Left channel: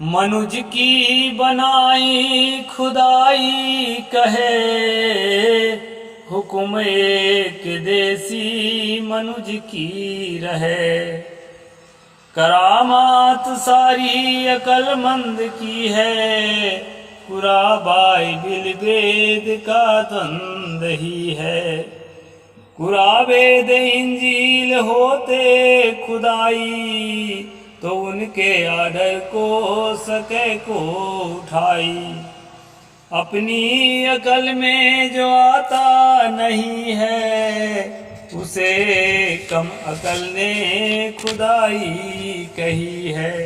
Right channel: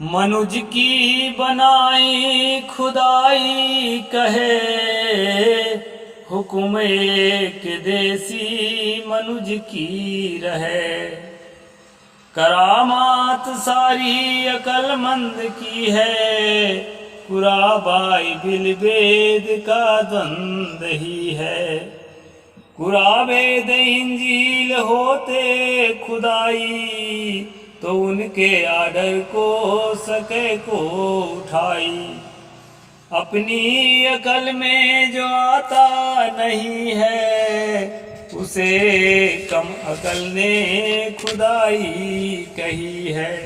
मनुज की बनाई खुदाई कहे, हुक्म एक देसी मनुज की रहे। करामात सारी अकलमंद की है, कुरा बाइबिल वेद का द्वंद ही है। कुरा वेद इंजील होते खुदाई, तो उनके आर्डर को सके को उठाई। अपनी अकल में जो आता नहीं है, उसे कम अकल ने खुदाई कही है।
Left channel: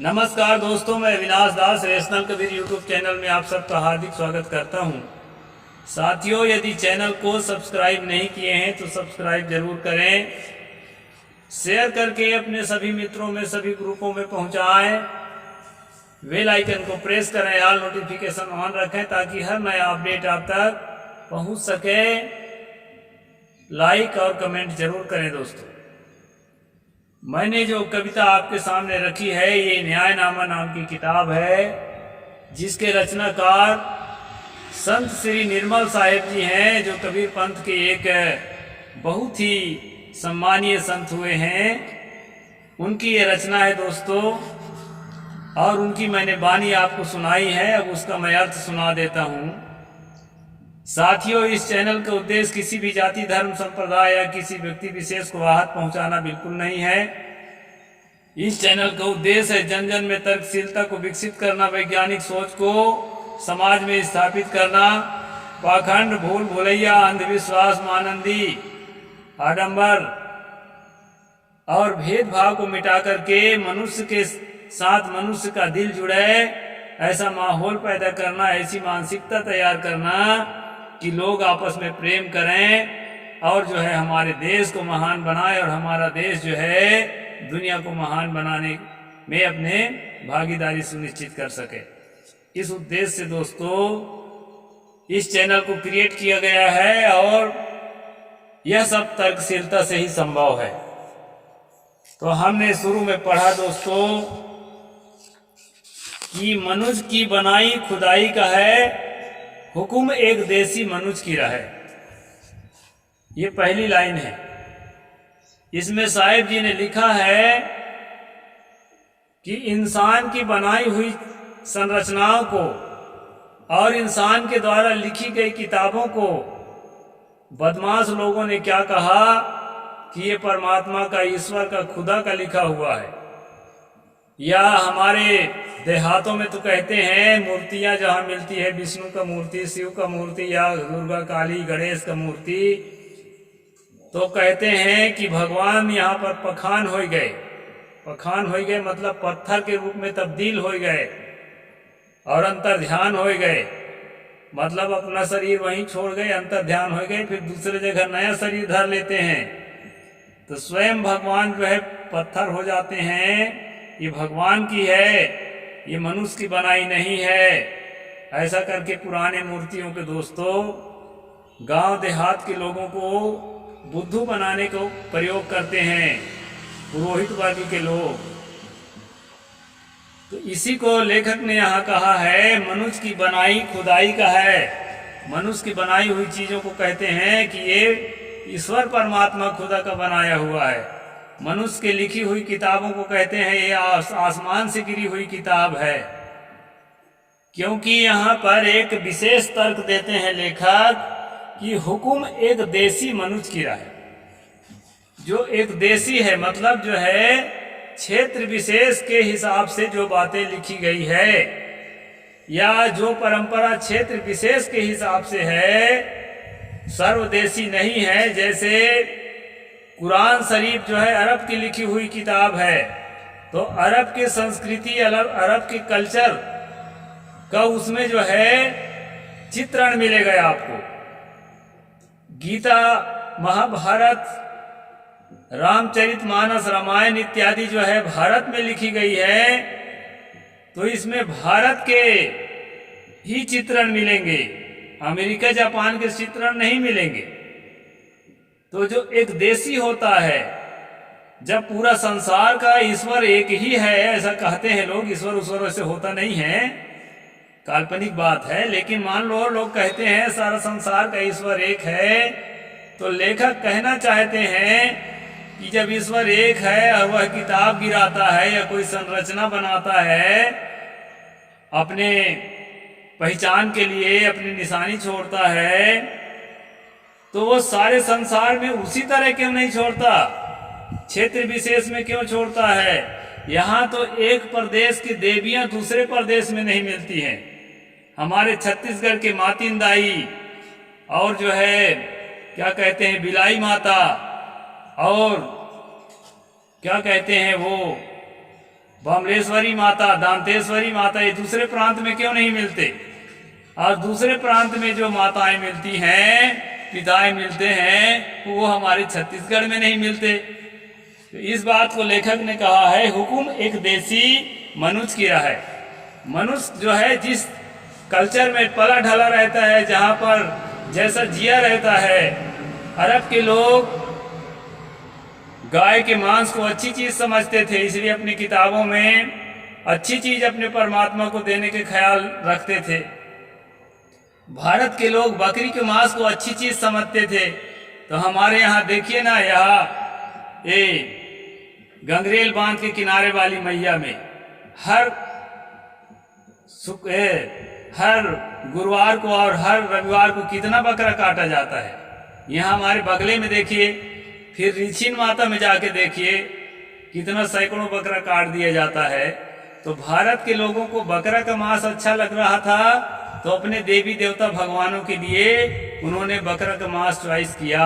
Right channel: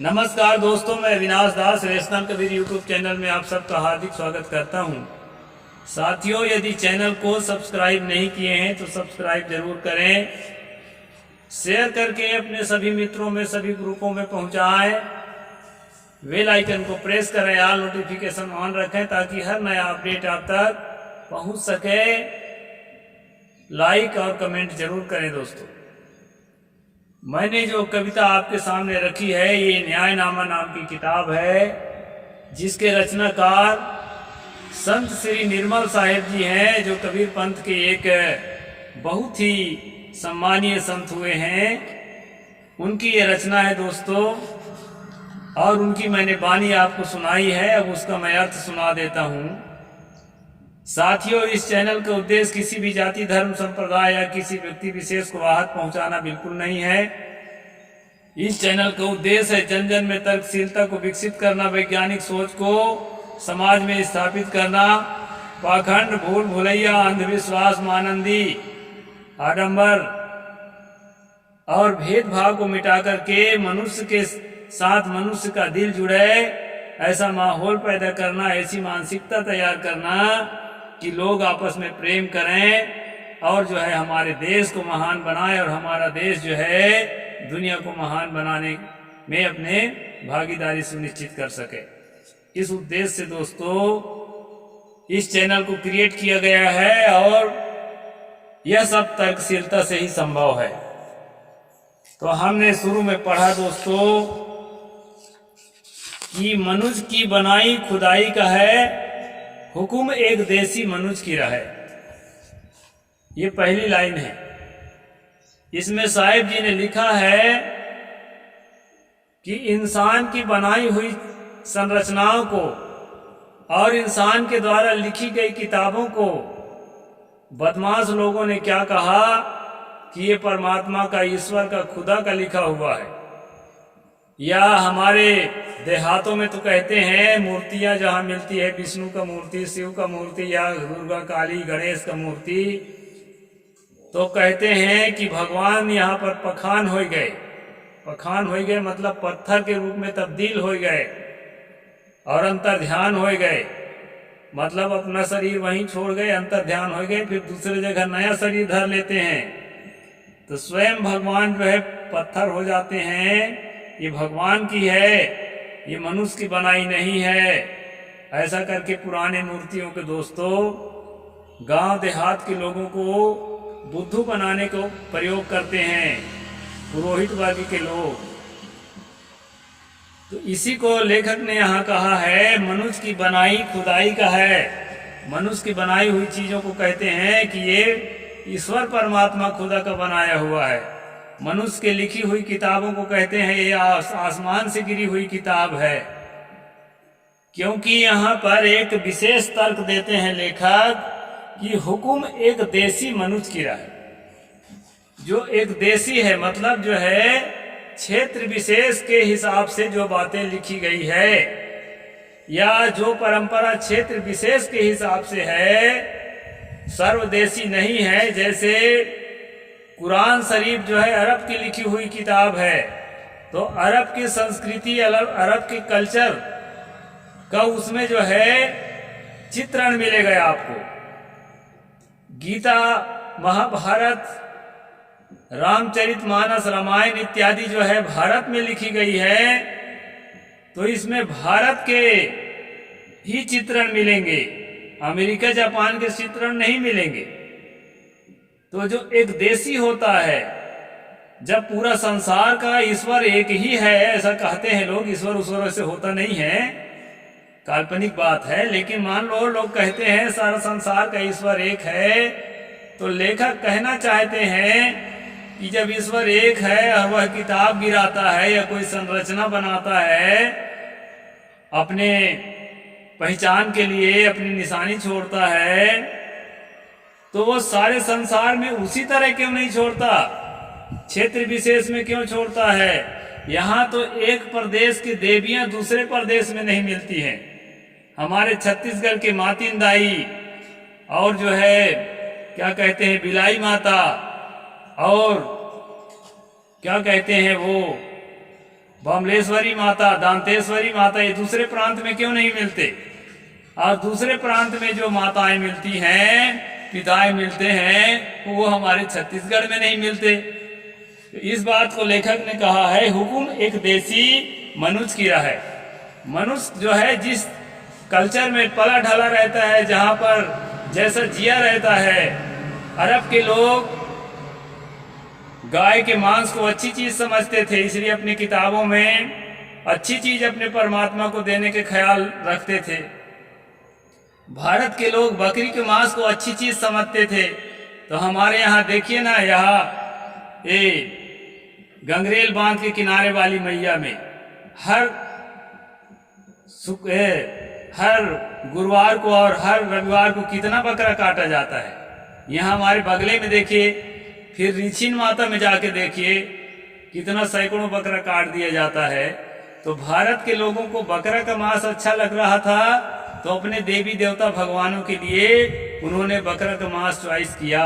नमस्कार दोस्तों, मैं अविनाश दास रेशनल कबीर यूट्यूब चैनल में आप सबका हार्दिक स्वागत करता हूं। साथियों, यदि चैनल को सब्सक्राइब नहीं किए हैं तो सब्सक्राइब जरूर करें, शेयर करके अपने सभी मित्रों में, सभी ग्रुपों में पहुंचाएं। बेल आइकन को प्रेस करें, ऑल नोटिफिकेशन ऑन रखें ताकि हर नया अपडेट आप तक पहुंच सके। लाइक और कमेंट जरूर करें दोस्तों। मैंने जो कविता आपके सामने रखी है, ये न्यायनामा नाम की किताब है, जिसके रचनाकार संत श्री निर्मल साहिब जी हैं, जो कबीर पंथ के एक बहुत ही सम्मानीय संत हुए हैं। उनकी ये रचना है दोस्तों, और उनकी मैंने बानी आपको सुनाई है। अब उसका मैं अर्थ सुना देता हूँ। साथियों, इस चैनल का उद्देश्य किसी भी जाति, धर्म, संप्रदाय या किसी व्यक्ति विशेष को आहत पहुंचाना बिल्कुल नहीं है। इस चैनल का उद्देश्य है जन जन में तर्कशीलता को विकसित करना, वैज्ञानिक सोच को समाज में स्थापित करना, पाखंड, भूल भुलैया, अंधविश्वास, मानंदी, आडंबर और भेदभाव को मिटा करके मनुष्य के साथ मनुष्य का दिल जुड़े, ऐसा माहौल पैदा करना, ऐसी मानसिकता तैयार करना कि लोग आपस में प्रेम करें और जो है हमारे देश को महान बनाए, और हमारा देश जो है दुनिया को महान बनाने में अपने भागीदारी सुनिश्चित कर सके। इस उद्देश्य से दोस्तों इस चैनल को क्रिएट किया गया है, और यह सब तर्कशीलता से ही संभव है। तो हमने शुरू में पढ़ा दोस्तों कि मनुज की बनाई खुदाई का है, हुक्म एक देसी मनुज की रहे। ये पहली लाइन है। इसमें साहिब जी ने लिखा है कि इंसान की बनाई हुई संरचनाओं को और इंसान के द्वारा लिखी गई किताबों को बदमाश लोगों ने क्या कहा कि ये परमात्मा का, ईश्वर का, खुदा का लिखा हुआ है। या हमारे देहातों में तो कहते हैं मूर्तियां जहां मिलती है, विष्णु का मूर्ति, शिव का मूर्ति या दुर्गा, काली, गणेश का मूर्ति, तो कहते हैं कि भगवान यहाँ पर पखान हो गए। पखान हो गए मतलब पत्थर के रूप में तब्दील हो गए और अंतर ध्यान हो गए, मतलब अपना शरीर वहीं छोड़ गए, अंतर ध्यान हो गए, फिर दूसरे जगह नया शरीर धर लेते हैं। तो स्वयं भगवान जो है पत्थर हो जाते हैं। ये भगवान की है, ये मनुष्य की बनाई नहीं है। ऐसा करके पुराने मूर्तियों के दोस्तों गांव देहात के लोगों को बुद्धू बनाने को प्रयोग करते हैं, पुरोहित वर्ग के लोग। तो इसी को लेखक ने यहाँ कहा है, मनुष्य की बनाई खुदाई का है। मनुष्य की बनाई हुई चीजों को कहते हैं कि ये ईश्वर परमात्मा खुदा का बनाया हुआ है। मनुष्य के लिखी हुई किताबों को कहते हैं ये आसमान से गिरी हुई किताब है। क्योंकि यहाँ पर एक विशेष तर्क देते हैं लेखक कि हुक्म एक देसी मनुष्य की रहे। जो एक देसी है मतलब जो है क्षेत्र विशेष के हिसाब से जो बातें लिखी गई है, या जो परंपरा क्षेत्र विशेष के हिसाब से है, सर्वदेशी नहीं है। जैसे कुरान शरीफ जो है अरब की लिखी हुई किताब है, तो अरब की संस्कृति, अरब के कल्चर का उसमें जो है चित्रण मिलेगा आपको। गीता, महाभारत, रामचरितमानस, रामायण इत्यादि जो है भारत में लिखी गई है, तो इसमें भारत के ही चित्रण मिलेंगे, अमेरिका जापान के चित्रण नहीं मिलेंगे। तो जो एक देशी होता है जब पूरा संसार का ईश्वर एक ही है, ऐसा कहते हैं लोग, ईश्वर उश्वर ऐसे होता नहीं है, काल्पनिक बात है, लेकिन मान लो लोग कहते हैं सारा संसार का ईश्वर एक है, तो लेखक कहना चाहते हैं कि जब ईश्वर एक है और वह किताब गिराता है या कोई संरचना बनाता है अपने पहचान के लिए, अपनी निशानी छोड़ता है, तो वो सारे संसार में उसी तरह क्यों नहीं छोड़ता, क्षेत्र विशेष में क्यों छोड़ता है। यहाँ तो एक प्रदेश की देवियां दूसरे प्रदेश में नहीं मिलती हैं। हमारे छत्तीसगढ़ के मातिन दाई और जो है क्या कहते हैं बिलाई माता और क्या कहते हैं वो बमलेश्वरी माता, दांतेश्वरी माता, ये दूसरे प्रांत में क्यों नहीं मिलते। और दूसरे प्रांत में जो माताएं मिलती हैं, पिताएं मिलते हैं, वो हमारे छत्तीसगढ़ में नहीं मिलते। तो इस बात को लेखक ने कहा है, हुकुम एक देसी मनुष्य की राह है। मनुष्य जो है जिस कल्चर में पला ढला रहता है, जहाँ पर जैसा जिया रहता है, अरब के लोग गाय के मांस को अच्छी चीज समझते थे, इसलिए अपनी किताबों में अच्छी चीज अपने परमात्मा को देने के ख्याल रखते थे। भारत के लोग बकरी के मांस को अच्छी चीज समझते थे। तो हमारे यहाँ देखिए ना, यहाँ ये गंगरेल बांध के किनारे वाली मैया में हर गुरुवार को और हर रविवार को कितना बकरा काटा जाता है। यहाँ हमारे बगले में देखिए, फिर रिछिन माता में जाके देखिए कितना सैकड़ों बकरा काट दिया जाता है। तो भारत के लोगों को बकरा का मांस अच्छा लग रहा था, तो अपने देवी देवता भगवानों के लिए उन्होंने बकरा का मांस चॉइस किया।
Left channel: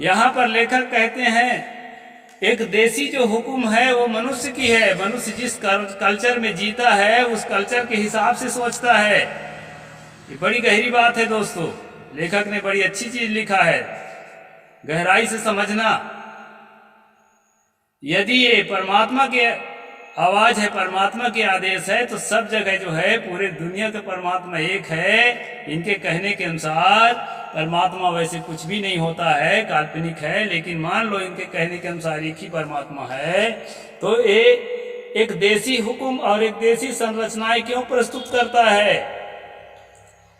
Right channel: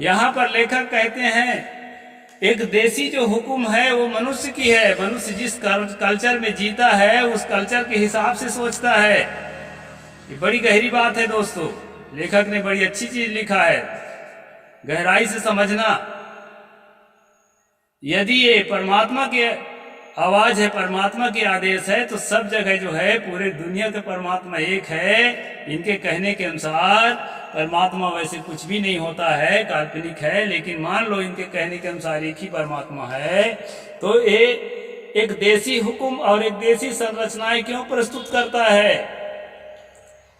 यहाँ पर लेखक कहते हैं एक देसी जो हुक्म है वो मनुष्य की है। मनुष्य जिस कल्चर में जीता है उस कल्चर के हिसाब से सोचता है। ये बड़ी गहरी बात है दोस्तों, लेखक ने बड़ी अच्छी चीज लिखा है, गहराई से समझना। यदि ये परमात्मा के आवाज है, परमात्मा के आदेश है, तो सब जगह जो है पूरे दुनिया का परमात्मा एक है। इनके कहने के अनुसार परमात्मा वैसे कुछ भी नहीं होता है, काल्पनिक है, लेकिन मान लो इनके कहने के अनुसार एक ही परमात्मा है। तो ये एक देसी हुक्म और एक देसी संरचनाएं क्यों प्रस्तुत करता है।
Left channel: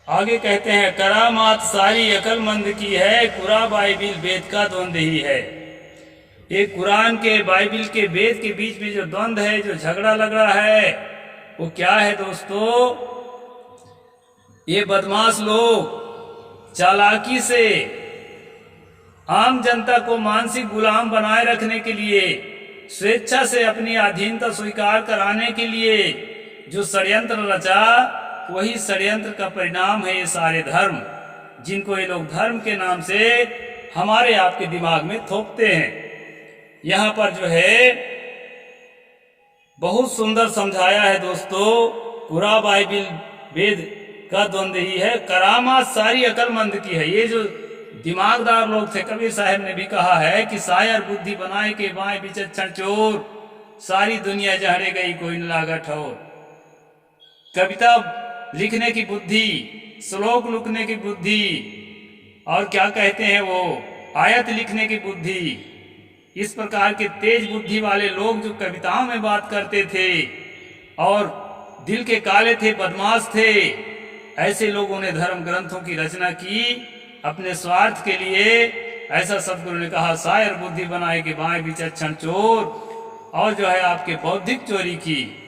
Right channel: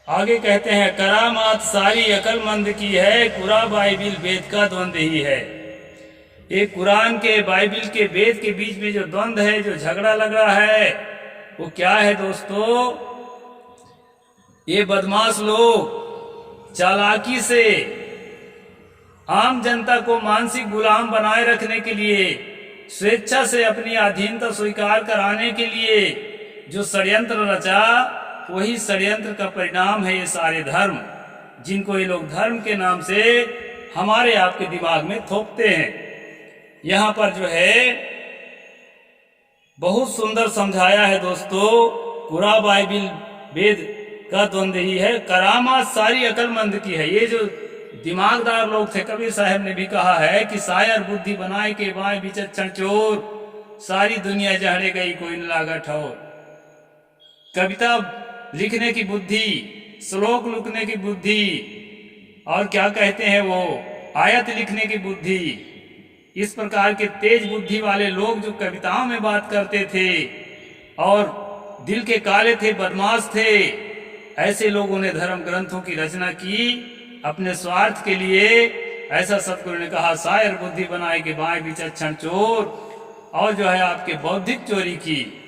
आगे कहते हैं, करामात सारी अकलमंद की है, कुरा बाइबिल वेद का द्वंद्व ही है। एक कुरान के बाइबिल के वेद के बीच में जो द्वंद्व है, जो झगड़ा लग रहा है, वो क्या है दोस्तों। ये बदमाश लोग चालाकी से आम जनता को मानसिक गुलाम बनाए रखने के लिए, स्वेच्छा से अपनी अधीनता स्वीकार कराने के लिए जो षड्यंत्र रचा, वही षड्यंत्र का परिणाम है ये सारे धर्म, जिनको ये लोग धर्म के नाम से हमारे आपके दिमाग में थोपते हैं। यहाँ पर जो है बहुत सुंदर समझाया है दोस्तों, कुरा बाइबिल वेद का द्वंद्व ही है, करामात सारी अकलमंद की है। ये जो दिमागदार लोग थे, कबीर साहब ने भी कहा है कि शायर बुद्धि बनाए के बाएं विचक्षण चोर, सारी दुनिया जहरे गई कोई न लागा ठोर। कविता लिखने की बुद्धि, श्लोक लिखने की बुद्धि, और क्या कहते हैं वो आयत लिखने की बुद्धि, इस प्रकार के तेज बुद्धि वाले लोग जो कविताओं में बात करते थे और दिल के काले थे, बदमाश थे, ऐसे लोगों ने धर्म ग्रंथों की रचना की अपने स्वार्थ के लिए। ऐसा सतगुरु ने कहा, शायर बुद्धि बनाए के बाएं विचक्षण चोर, और जो है आपके बौद्धिक चोरी की,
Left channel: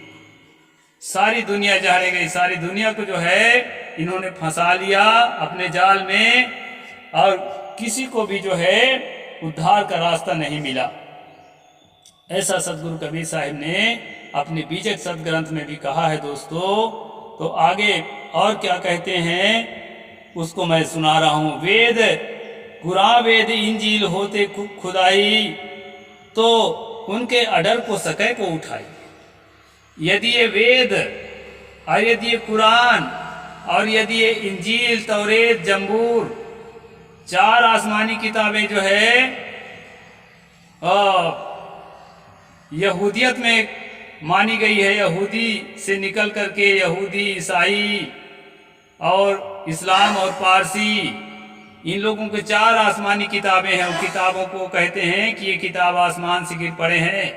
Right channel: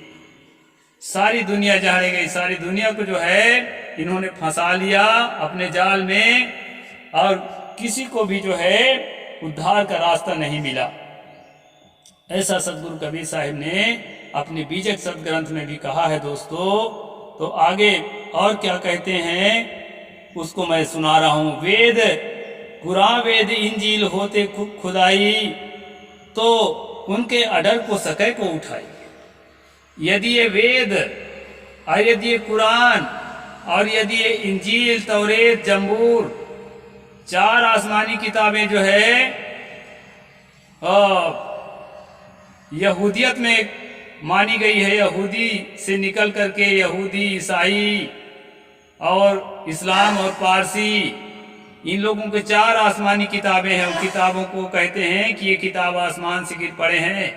सारी दुनिया जहरे गई। सारी दुनिया को जो है इन्होंने फंसा लिया अपने जाल में, और किसी को भी जो है उद्धार का रास्ता नहीं मिला। ऐसा सतगुरु कबीर साहिब ने अपने बीजक सदग्रंथ में भी कहा है दोस्तों। तो आगे और क्या कहते हैं उसको मैं सुना रहा हूँ। वेद कुरान वेद इंजील होते खुदाई, तो उनके अडर को सके को उठाई। यदि ये वेद और यदि ये कुरान और यदि ये इंजील, तौरेत, जंबूर, चार आसमानी किताबें जो है यहूदियत में मानी गई है, यहूदी से निकल करके यहूदी, ईसाई और इस्लाम और पारसी, इन लोगों के 4 आसमानी किताबें हैं। उन किताबों को कहते हैं कि ये किताब आसमान से गिर पड़े हैं,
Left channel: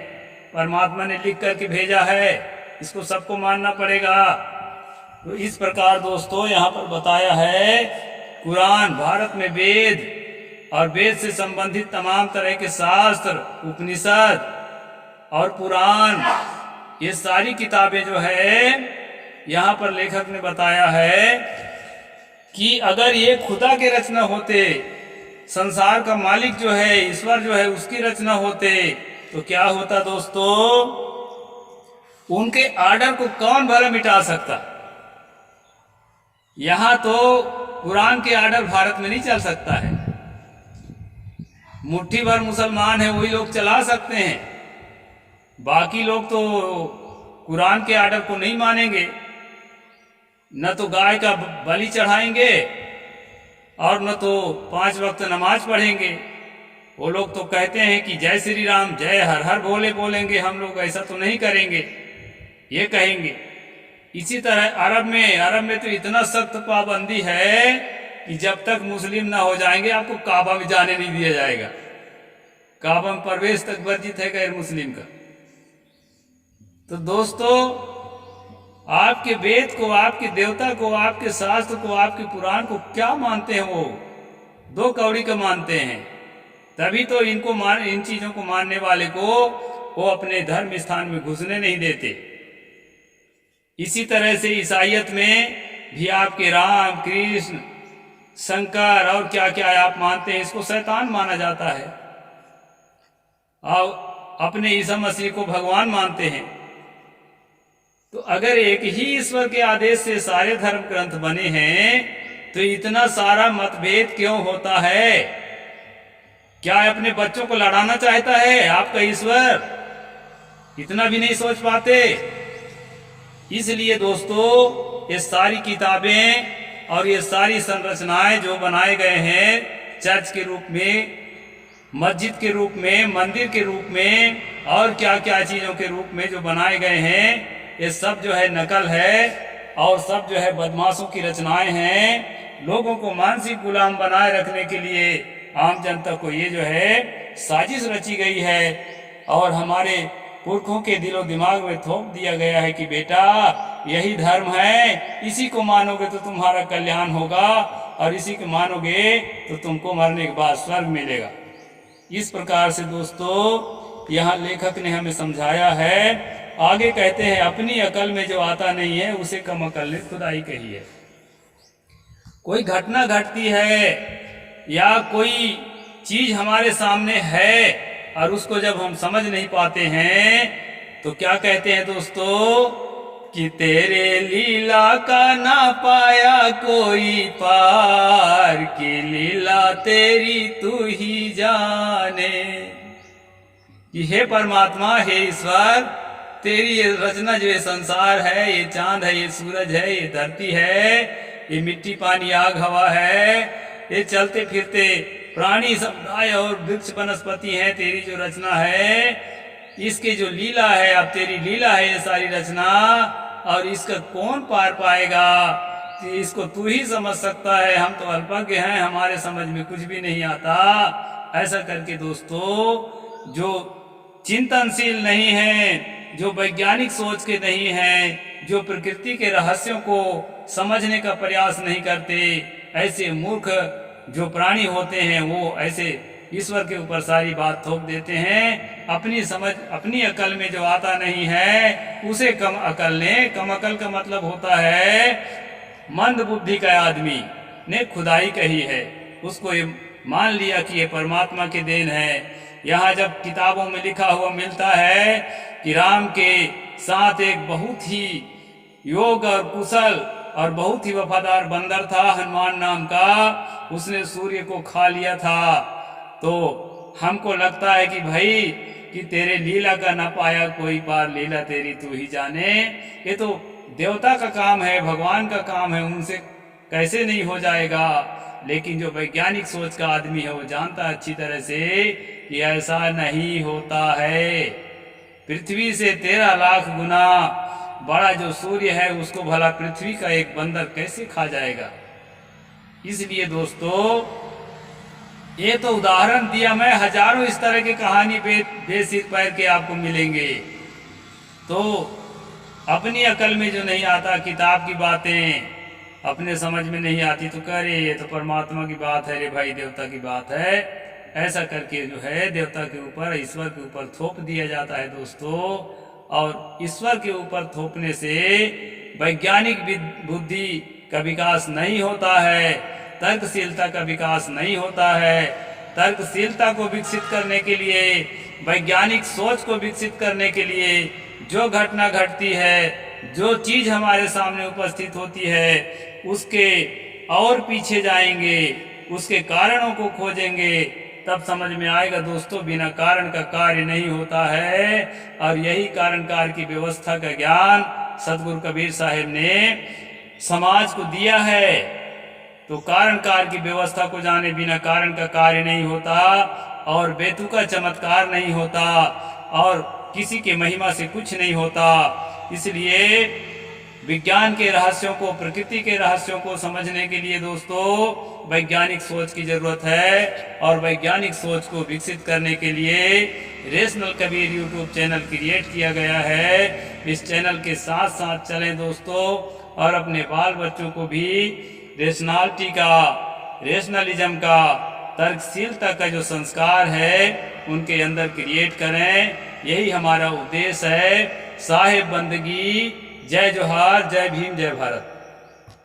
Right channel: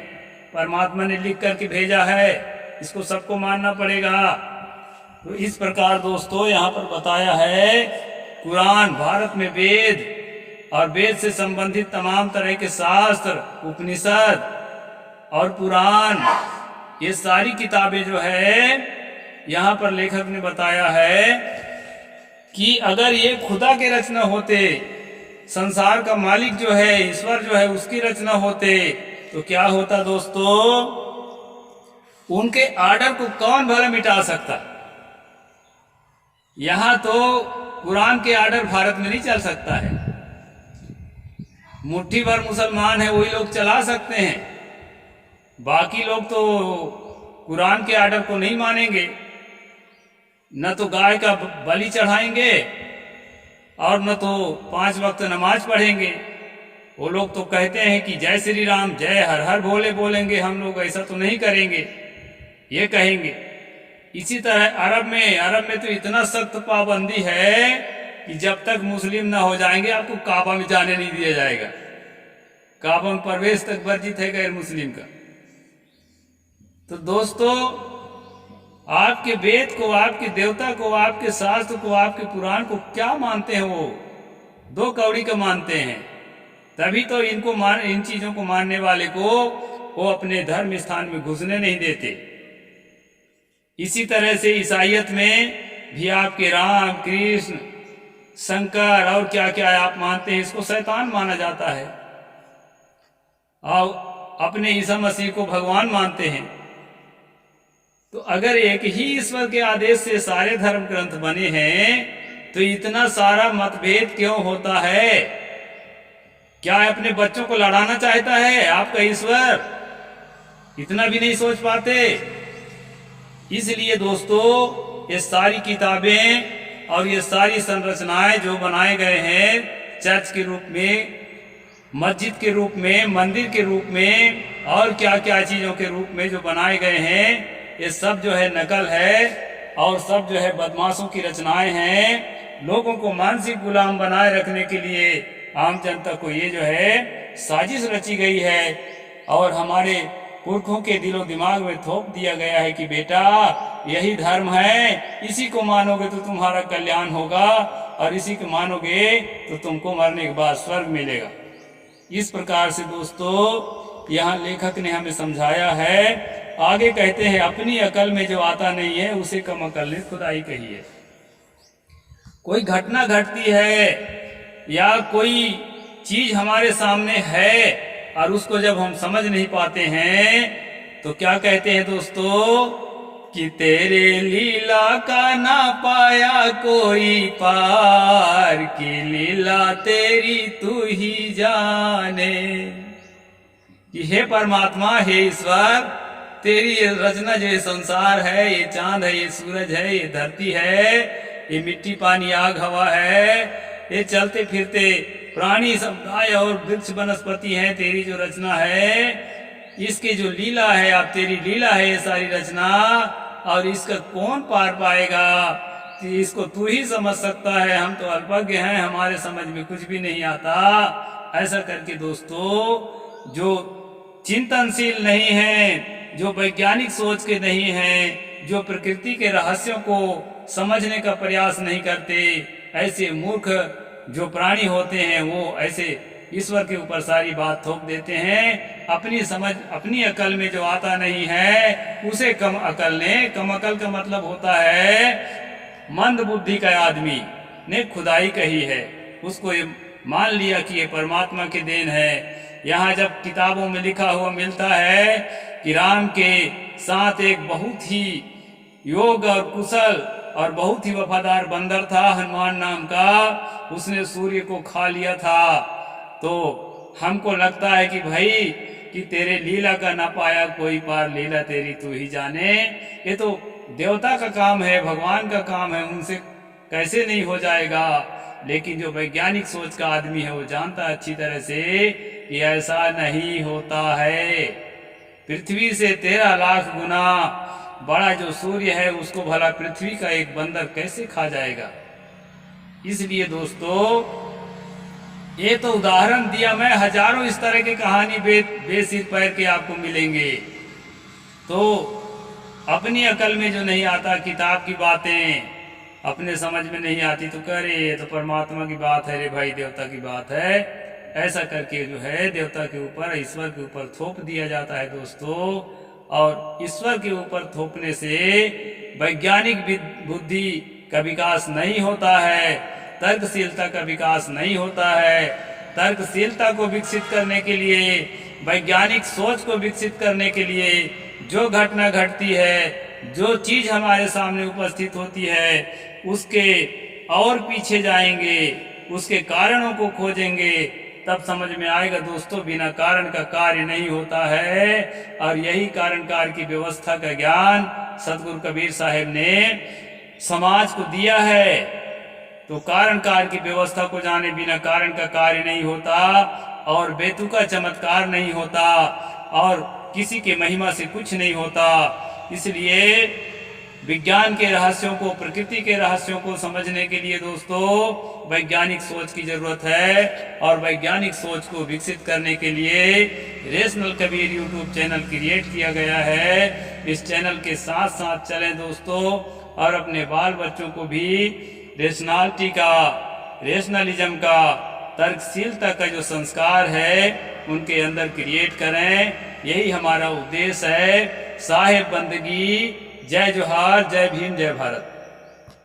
परमात्मा ने लिख करके भेजा है, इसको सबको मानना पड़ेगा। तो इस प्रकार दोस्तों यहाँ पर बताया है, कुरान, भारत में वेद और वेद से संबंधित तमाम तरह के शास्त्र, उपनिषद और पुराण, ये सारी किताबें जो है यहाँ पर लेखक ने बताया है कि अगर ये खुदा के रचना होते, संसार का मालिक जो है, ईश्वर जो है, उसकी रचना होते तो क्या होता दोस्तों? उनके आर्डर को कौन भला मिटा सकता? यहाँ तो कुरान के आर्डर भारत में नहीं चल सकता है। मुट्ठी भर मुसलमान है, वही लोग चला सकते हैं, बाकी लोग तो कुरान के आर्डर को नहीं मानेंगे, न तो गाय का बलि चढ़ाएंगे और न तो 5 वक्त नमाज पढ़ेंगे। वो लोग तो कहते हैं कि जय श्री राम, जय हर हर भोले बोलेंगे, हम लोग ऐसा तो नहीं करेंगे, ये कहेंगे। इसी तरह अरब में तो इतना सख्त पाबंदी है कि जब तक मुस्लिम ना हो जाएंगे आपको काबा में जाने नहीं दिया जाएगा। काबा में प्रवेश तक वर्जित है गैर मुस्लिम का। तो दोस्तों, आपके वेद को, आपके देवता को, आपके शास्त्र को, आपके पुराण को क्या मानते हैं? वो 2 कौड़ी का मानते हैं। तभी तो इन चीजों को मानने वाले को वो अपने धर्म स्थान में घुसने नहीं देते। इसी तरह से ईसाइयत में भी आपके राम, कृष्ण, शंकर और क्या क्या आप मानते हैं, इसको शैतान माना जाता है, और अपने ईसा मसीह को भगवान मानते हैं। तो अगर एक ही ईश्वर के आदेश से सारे धर्म ग्रंथ बने हैं तो इतना सारा मतभेद क्यों होता है? क्या अपने बच्चों को लड़ाना चाहता है आपका ईश्वर? इतना भी नहीं सोच पाते। इसलिए दोस्तों, ये सारी किताबें और ये सारी संरचनाएं जो बनाए गए हैं चर्च के रूप में, मस्जिद के रूप में, मंदिर के रूप में और क्या क्या चीज़ों के रूप में जो बनाए गए हैं, ये सब जो है नकल है और सब जो है बदमाशों की रचनाएं हैं। लोगों को मानसिक गुलाम बनाए रखने के लिए आम जनता को ये जो है साजिश रची गई है और हमारे पुरखों के दिलो दिमाग में थोप दिया गया है कि बेटा यही धर्म है, इसी को मानोगे तो तुम्हारा कल्याण होगा और इसी को मानोगे तो तुमको मरने के बाद स्वर्ग मिलेगा। इस प्रकार से दोस्तों यहाँ लेखक ने हमें समझाया है। आगे कहते हैं, अपनी अकल में जो आता नहीं है उसे कम अकल ने खुदाई कही है। कोई घटना घटती है या कोई चीज हमारे सामने है और उसको जब हम समझ नहीं पाते हैं तो क्या कहते हैं दोस्तों कि तेरे लीला का ना पाया कोई पार, की लीला तेरी तू ही जाने। कि हे परमात्मा, हे ईश्वर, तेरी ये रचना जो ये संसार है, ये चांद है, ये सूरज है, ये धरती है, ये मिट्टी पानी आग हवा है, ये चलते फिरते प्राणी समुदाय और वृक्ष वनस्पति हैं, तेरी जो रचना है, इसकी जो लीला है, अब तेरी लीला है ये सारी रचना, और इसका कौन पार पाएगा? इसको तू ही समझ सकता है, हम तो अल्पज्ञ हैं, हमारे समझ में कुछ भी नहीं आता। ऐसा करके दोस्तों, जो चिंतनशील नहीं है, जो वैज्ञानिक सोच के नहीं हैं, जो प्रकृति के रहस्यों को समझने का प्रयास नहीं करते, ऐसे मूर्ख जो प्राणी होते हैं वो ऐसे ईश्वर के ऊपर सारी बात थोप देते हैं। अपनी समझ, अपनी अकल में जो आता नहीं है उसे कम अकल ने, कम अकल का मतलब होता है मंद बुद्धि का आदमी ने खुदाई कही है, उसको ये मान लिया कि ये परमात्मा के देन है। यहाँ जब किताबों में लिखा हुआ मिलता है कि राम के साथ एक बहुत ही योग और कुशल और बहुत ही वफादार बंदर था हनुमान नाम का, उसने सूर्य को खा लिया था, तो हमको लगता है कि भाई कि तेरे लीला का ना पाया कोई पार, लीला तेरी तू ही जाने। ये तो देवता का काम है, भगवान का काम है, उनसे कैसे नहीं हो जाएगा। लेकिन जो वैज्ञानिक सोच का आदमी है वो जानता अच्छी तरह से कि ऐसा नहीं होता है। पृथ्वी से 13 लाख गुना बड़ा जो सूर्य है उसको भला पृथ्वी का एक बंदर कैसे खा जाएगा। इसलिए दोस्तों ये तो उदाहरण दिया मैं, हजारों इस तरह की कहानी बेसिर पैर के आपको मिलेंगे। तो अपनी अकल में जो नहीं आता, किताब की बातें अपने समझ में नहीं आती, तो कह रहे ये तो परमात्मा की बात है रे भाई, देवता की बात है, ऐसा करके जो है देवता के ऊपर, ईश्वर के ऊपर थोप दिया जाता है दोस्तों। और ईश्वर के ऊपर थोपने से वैज्ञानिक बुद्धि का विकास नहीं होता है, तर्कशीलता का विकास नहीं होता है। तर्कशीलता को विकसित करने के लिए, वैज्ञानिक सोच को विकसित करने के लिए जो घटना घटती है, जो चीज हमारे सामने उपस्थित होती है, उसके और पीछे जाएंगे, उसके कारणों को खोजेंगे, तब समझ में आएगा दोस्तों बिना कारण का कार्य नहीं होता है। और यही कारण कार्य की व्यवस्था का ज्ञान सतगुरु कबीर साहब ने समाज को दिया है। तो कारण कार्य की व्यवस्था को जाने बिना कारण का कार्य नहीं होता, और बेतुका चमत्कार नहीं होता, और किसी के महिमा से कुछ नहीं होता। इसलिए विज्ञान के रहस्यों को, प्रकृति के रहस्यों को समझने के लिए दोस्तों वैज्ञानिक सोच की जरूरत है। और वैज्ञानिक सोच को विकसित करने के लिए rational Kabir YouTube channel create किया गया है। इस चैनल के साथ साथ चलें दोस्तों, और अपने बाल बच्चों को भी रेशनलिटी का, रेशनलिज्म का, तर्कशीलता का जो संस्कार है उनके अंदर क्रिएट करें। यही हमारा उद्देश्य है। साहेब बंदगी। जय जोहार, जय भीम, जय भारत।